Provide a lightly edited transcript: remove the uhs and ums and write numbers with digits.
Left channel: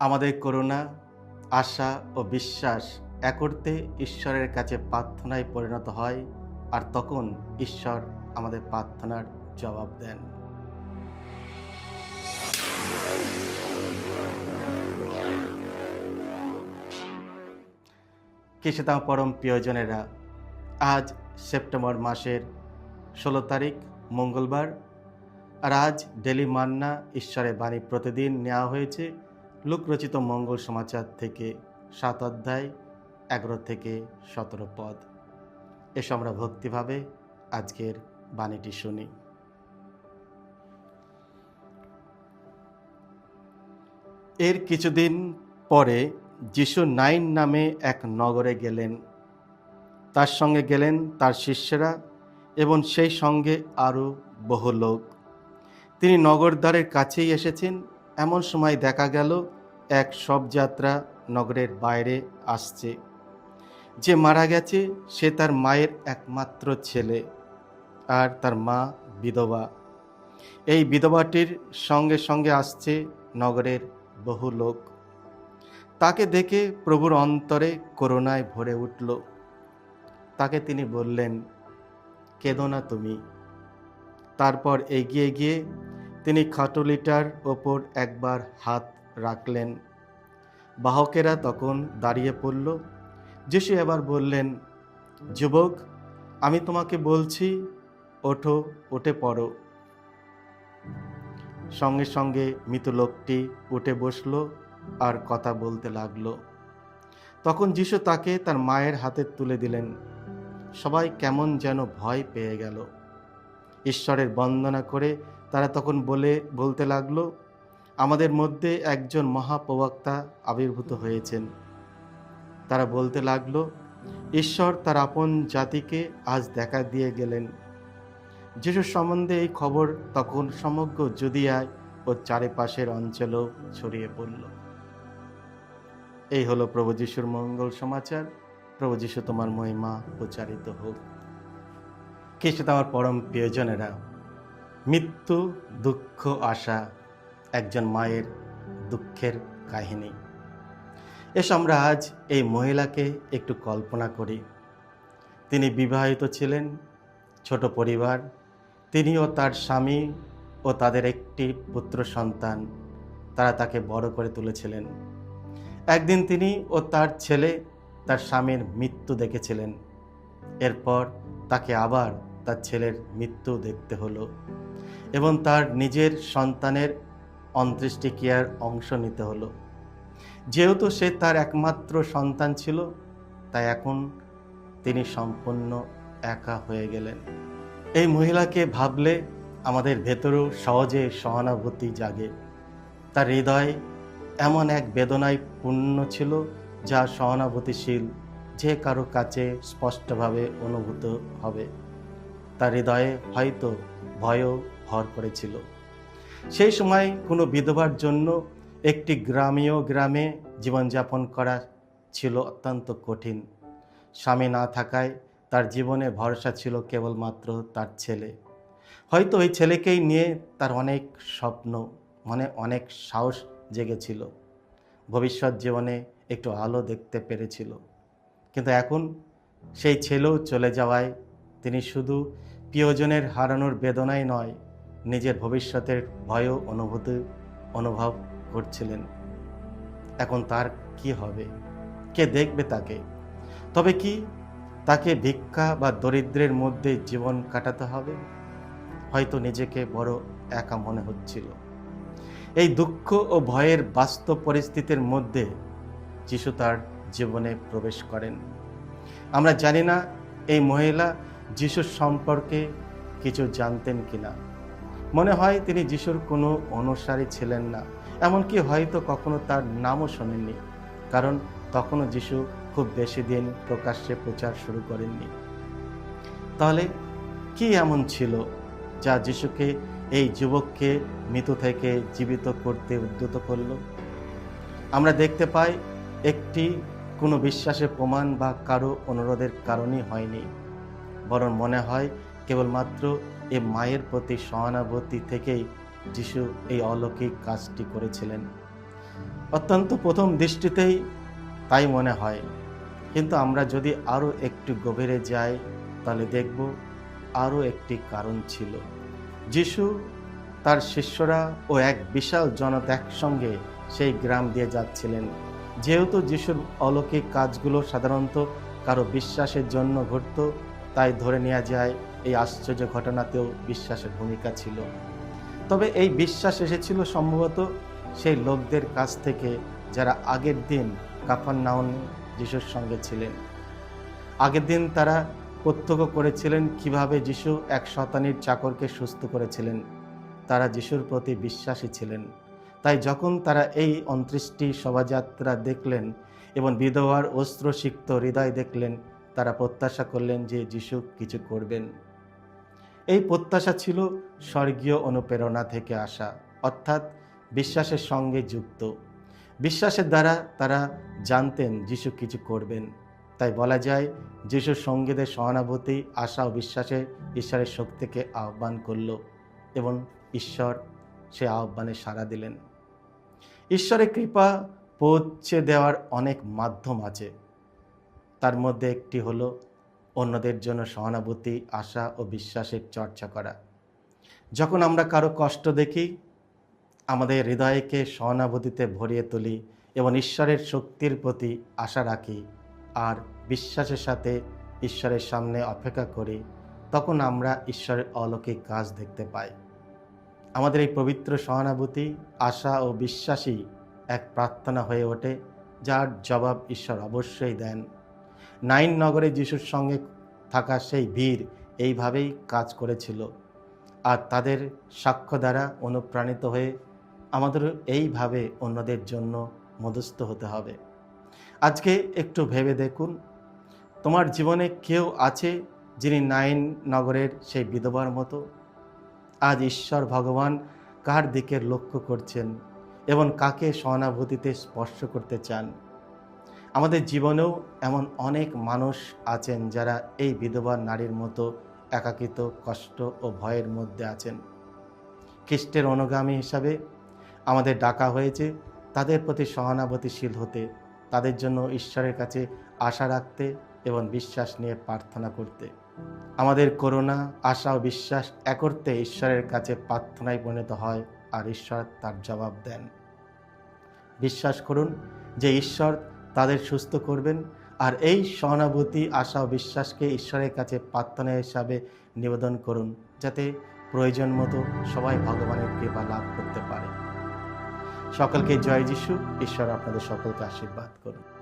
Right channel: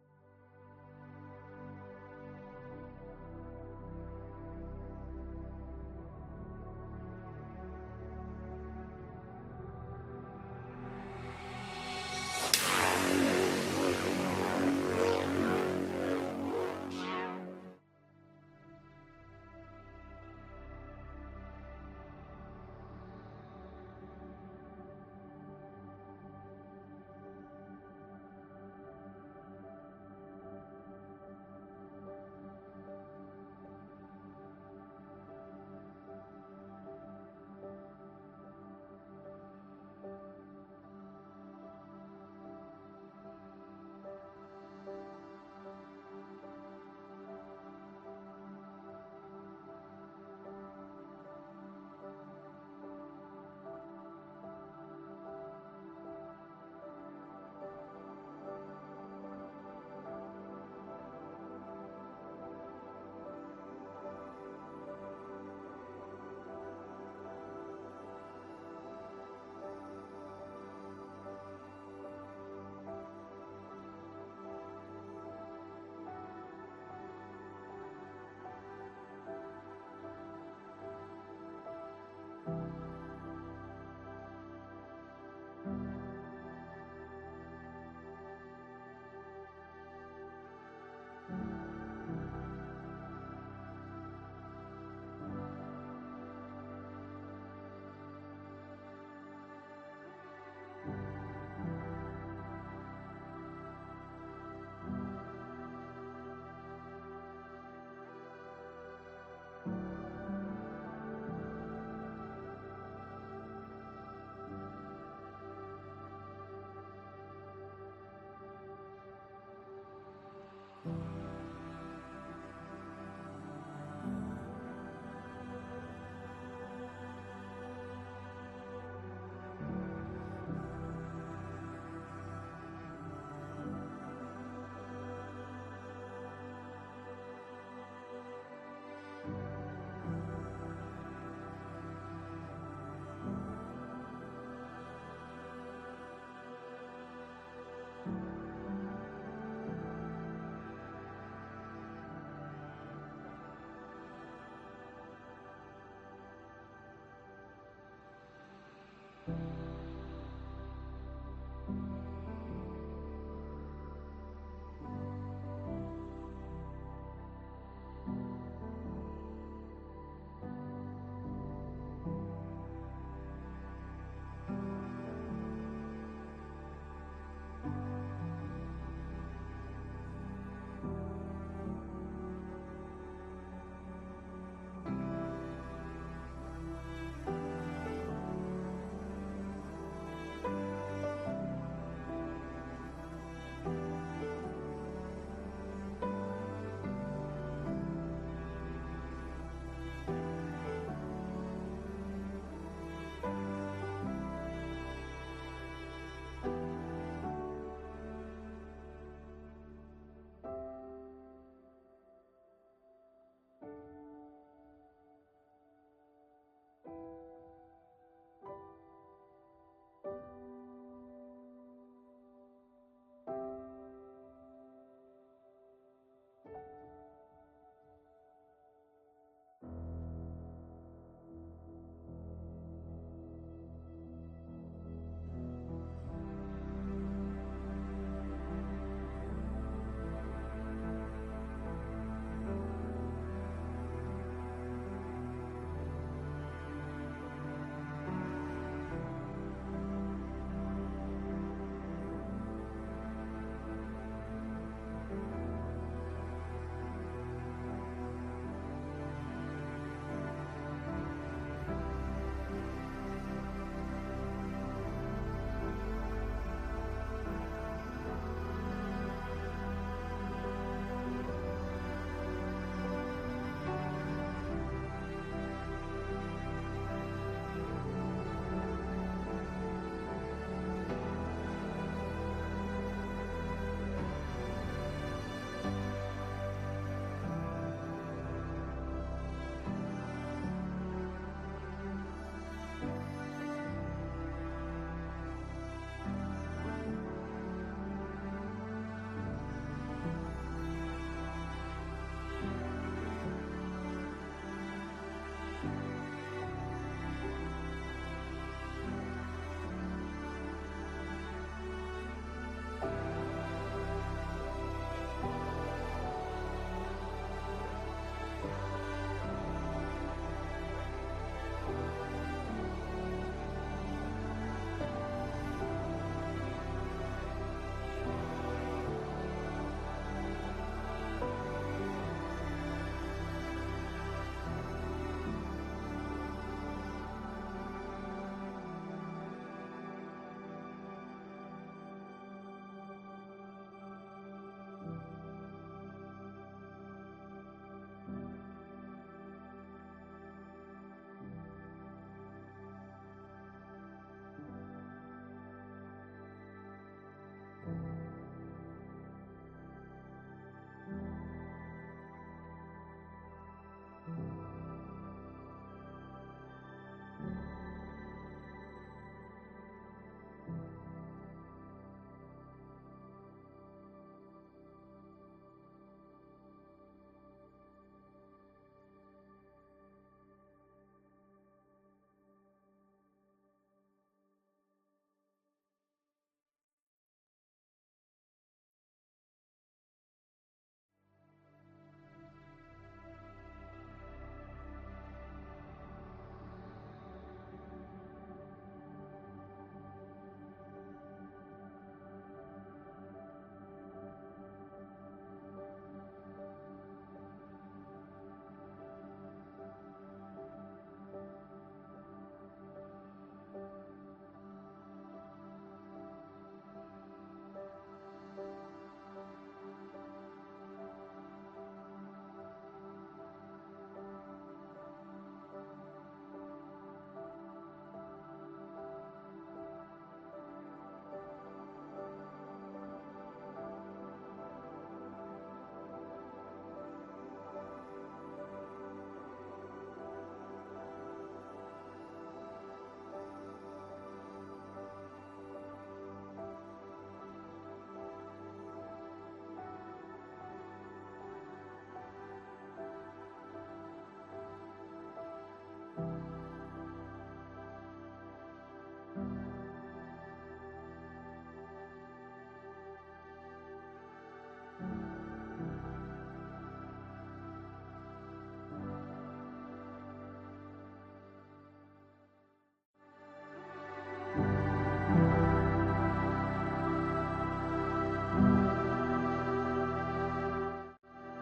আমাদের করুণা, আশা ও বিশ্বাস এক অর্থে ঈশ্বরের কাছে প্রার্থনায় পরিণত হয়, আর তখন ঈশ্বর আমাদের প্রার্থনার জবাব দেন। খ্রিস্টধর্ম পরম প্রিয়জনেরা, আজ সেপ্টেম্বর মাসের 16 তারিখ মঙ্গলবার। আর আজ ডেলি মান্না ঈশ্বরের বাণী প্রতিদিন নেওয়া হয়েছে লূক রচিত মঙ্গল সমাচার থেকে 7 অধ্যায় 11 থেকে 17 পদ। এসো আমরা ভক্তিভাবে আজকের বাণীটি শুনি। এর কিছুদিন পরে যিশু নাইন নামে এক নগরে গেলেন। তার সঙ্গে গেলেন তার শিষ্যরা এবং সেই সঙ্গে আরও বহু লোক। তিনি নগরদ্বারের কাছেই এসেছেন। এমন সময় দেখা গেল এক শবযাত্রা নগরের বাইরে আসছে। যে মারা গেছে সে তার মায়ের একমাত্র ছেলে, আর তার মা বিধবা। এই বিধবাটির সঙ্গে সঙ্গে আসছে নগরের বহু লোক। তাকে দেখে প্রভুর অন্তরে করুণায় ভরে উঠল। তাকে তিনি বললেন, কেঁদো না তুমি। তারপর এগিয়ে গিয়ে তিনি খাটুলিটার ওপর একবার হাত রাখলেন। বাহকেরা তখন দাঁড়িয়ে পড়ল। যিশু এবার বললেন, যুবক, আমি তোমাকে বলছি, ওঠো, উঠে পড়ো। সঙ্গে সঙ্গে মৃত লোকটি উঠে বসল আর কথা বলতে লাগলো। তখন যিশু তাকে তার মায়ের হাতে তুলে দিলেন। সবাই কেমন যেন ভয় পেয়ে গেল। ঈশ্বরের বন্দনা করে তারা তখন বলতে লাগলো, আমাদের মধ্যে একজন মহাপ্রবক্তা আবির্ভূত হয়েছেন। তারা বলতে লাগলো, ঈশ্বর তার আপন জাতিকে আজ দেখা দিয়ে গেলেন। যিশুর সম্বন্ধে এই খবর তখন সমগ্র জুদিয়ায় ও চারিপাশের অঞ্চলেও ছড়িয়ে পড়ল। এই হলো প্রভু যিশুর মঙ্গল সমাচার। প্রভু যিশু তোমার মহিমা প্রচারিত হোক। খ্রিস্ট আমার পরম প্রিয়জনেরা, মৃত্যু, দুঃখ, আশা, একজন মায়ের দুঃখের কাহিনী। এসো আমরা আজ এই মহিলাকে একটু কল্পনা করি। তিনি বিবাহিত ছিলেন, ছোট পরিবার। তিনি ও তার স্বামী ও তাদের একটি পুত্র সন্তান, তারা তাকে বড় করে তুলেছিলেন। একদিন তিনি ও তার ছেলে তার স্বামীর মৃত্যু দেখেছিলেন। এরপর তাকে আবার তার ছেলের মৃত্যু দেখতে হলো এবং তার নিজের সন্তানের অন্ত্যেষ্টিক্রিয়ার অংশ নিতে হলো। যেহেতু সে তার একমাত্র সন্তান ছিল, তাই এখন তিনি সম্পূর্ণ একা হয়ে গেলেন। এই মহিলাকে ভাবলে আমাদের ভেতরেও সহজে সহানুভূতি জাগে। তার হৃদয় এমন এক বেদনায় পূর্ণ ছিল যা সহানুভূতিশীল যে কারো কাছে স্পষ্টভাবে অনুভূত হবে। তার হৃদয়ে হয়তো ভয়ও ভর করেছিল। সেই সময় কোনো বিধবার জন্য একটি গ্রামে জীবনযাপন করা ছিল অত্যন্ত কঠিন। স্বামী না থাকায় তার জীবনে ভরসা ছিল কেবলমাত্র তার ছেলে। হয়তো ওই ছেলেকেই নিয়ে তার অনেক স্বপ্ন, অনেক সাহস জেগেছিল। ভবিষ্যৎ জীবনে একটু আলো দেখতে পেরেছিল। কিন্তু এখন সেই ছেলেও চলে যাওয়ায় তিনি শুধু প্রিয়জনের হারানোর বেদনাই নয়, নিজের ভবিষ্যতের ভয়ও অনুভব করছিলেন। এখন তার কি হবে? কে দেখবে তাকে? তবে কি তাকে ভিক্ষা বা দরিদ্রের মধ্যে জীবন কাটাতে হবে? হয়তো নিজেকে বড় একা মনে হচ্ছিল। এই দুঃখ ও ভয়ের বাস্তব পরিস্থিতির মধ্যে যিশু তার জীবনে প্রবেশ করেন। আমরা জানি না এই মহিলা যিশুর সম্পর্কে কিছু জানতেন কিনা। মনে হয় তিনি যিশুর কোনো অনুসারী ছিলেন না, এমনকি হয়তো কখনো তার নামও শোনেননি, কারণ তখনও যিশু খুব বেশি দিন প্রকাশ্যে প্রচার শুরু করেননি। তাহলে কি এমন ছিল যা যিশুকে, এই যুবককে মৃত থেকে জীবিত করতে উদ্যত করল? আমরা দেখতে পাই একটি কোনো বিশ্বাসের প্রমাণ বা কারো অনুরোধের কারণেই হয়নি, বরং মনে হয় কেবলমাত্র এ মায়ের প্রতি সহানুভূতি থেকেই যিশু এই অলৌকিক কাজটি করেছিলেন। অত্যন্ত প্রথম দৃষ্টিতেই তাই মনে হয়, কিন্তু আমরা যদি আরও একটু গভীরে যাই তাহলে দেখব আরও একটি কারণ ছিল। যিশু, তার শিষ্যরা ও এক বিশাল জনতা একসঙ্গে সেই গ্রাম দিয়ে যাচ্ছিলেন। যেহেতু যিশুর অলৌকিক কাজগুলো সাধারণত কারো বিশ্বাসের জন্য ঘটত, তাই ধরে নেওয়া যায় এই আশ্চর্য ঘটনাতেও বিশ্বাসের ভূমিকা ছিল। তবে এই বিশ্বাস এসেছিল সম্ভবত সেই লোকদের কাছ থেকে যারা আগের দিন কাফারনাউমে যিশুর সঙ্গে ছিলেন। আগের দিন তারা প্রত্যক্ষ করেছিলেন কিভাবে যিশু এক শতানীর চাকরকে সুস্থ করেছিলেন। তারা যিশুর প্রতি বিশ্বাসী ছিলেন। তাই যখন তারা এই ২৯টি শোভাযাত্রা দেখলেন এবং বিধবার অস্ত্রসিক্ত হৃদয় দেখলেন, তারা প্রত্যাশা করলেন যে যিশু কিছু করবেন। এই প্রত্যাশা ছিল স্বর্গীয় অনুপ্রেরণা থেকে আসা, অর্থাৎ বিশ্বাসের সঙ্গে যুক্ত। বিশ্বাসের দ্বারা তারা জানতেন যিশু কিছু করবেন। তাই বলা যায় যিশুর সঙ্গীদের সহানুভূতি, আশা ও বিশ্বাসে ঈশ্বরের শক্তিকে আহ্বান করল এবং ঈশ্বর সে আহ্বানে সাড়া দিলেন। ঈশ্বরের কৃপা পৌঁছে দেওয়ার অনেক মাধ্যম আছে। তার মধ্যে একটি হলো অন্যদের জন্য সহানুভূতি, আশা ও বিশ্বাসের চর্চা করা। যখন আমরা কারো কষ্ট দেখি, আমাদের হৃদয়কে সহানুভূতিতে ভরিয়ে তুলি এবং ঈশ্বরের শক্তির প্রতি আশা রাখি আর বিশ্বাসের সাথে ঈশ্বরের সামনে অপেক্ষা করি, তখন আমরা ঈশ্বরের অলৌকিক কাজ দেখতে পাই। আমাদের এই পবিত্র সহানুভূতি, আশা ও বিশ্বাসই এক প্রার্থনা হয়ে ওঠে, যার জবাব ঈশ্বর অবশ্যই দেন। নাইন নগরে যিশুর সঙ্গে থাকা সেই ভিড় এইভাবেই কাজ করেছিল, আর তাদের সাক্ষ্য দ্বারা অনুপ্রাণিত হয়ে আমাদেরও এইভাবে অন্যদের জন্য মধ্যস্থ হতে হবে। আজকে একটু ভেবে দেখুন, তোমার জীবনে কেউ আছে যিনি নাইন নগরের সেই বিধবার মতো? আজ ঈশ্বর ভগবান কার দিকে লক্ষ্য করছেন এবং কাকে সহানুভূতিতে স্পর্শ করতে চান? আমাদের জীবনেও এমন অনেক মানুষ আছেন যারা এই বিধবা নারীর মতো একাকিত্ব, কষ্ট ও ভয়ের মধ্যে আছেন। খ্রিস্টের অনুগামী হিসাবে আমাদের ডাকা হয়েছে তাদের প্রতি সহানুভূতিশীল হতে, তাদের জন্য ঈশ্বরের কাছে আশা রাখতে এবং বিশ্বাস নিয়ে প্রার্থনা করতে। আমাদের করুণা, আশা ও বিশ্বাস একত্রে ঈশ্বরের কাছে প্রার্থনায় পরিণত হয়, আর ঈশ্বর তার জবাব দেন। বিশ্বাস করুন যে ঈশ্বর তাদের সুস্থ করবেন, আর এই সহানুভূতি, আশা ও বিশ্বাসকে ঈশ্বরের কাছে প্রার্থনা হিসাবে নিবেদন করুন, যাতে প্রয়োজন মতো সবাই ভগবানের কৃপা লাভ করতে পারে। সকলকে জয় যিশু। ঈশ্বর আপনাদের সকলকে আশীর্বাদ করুন।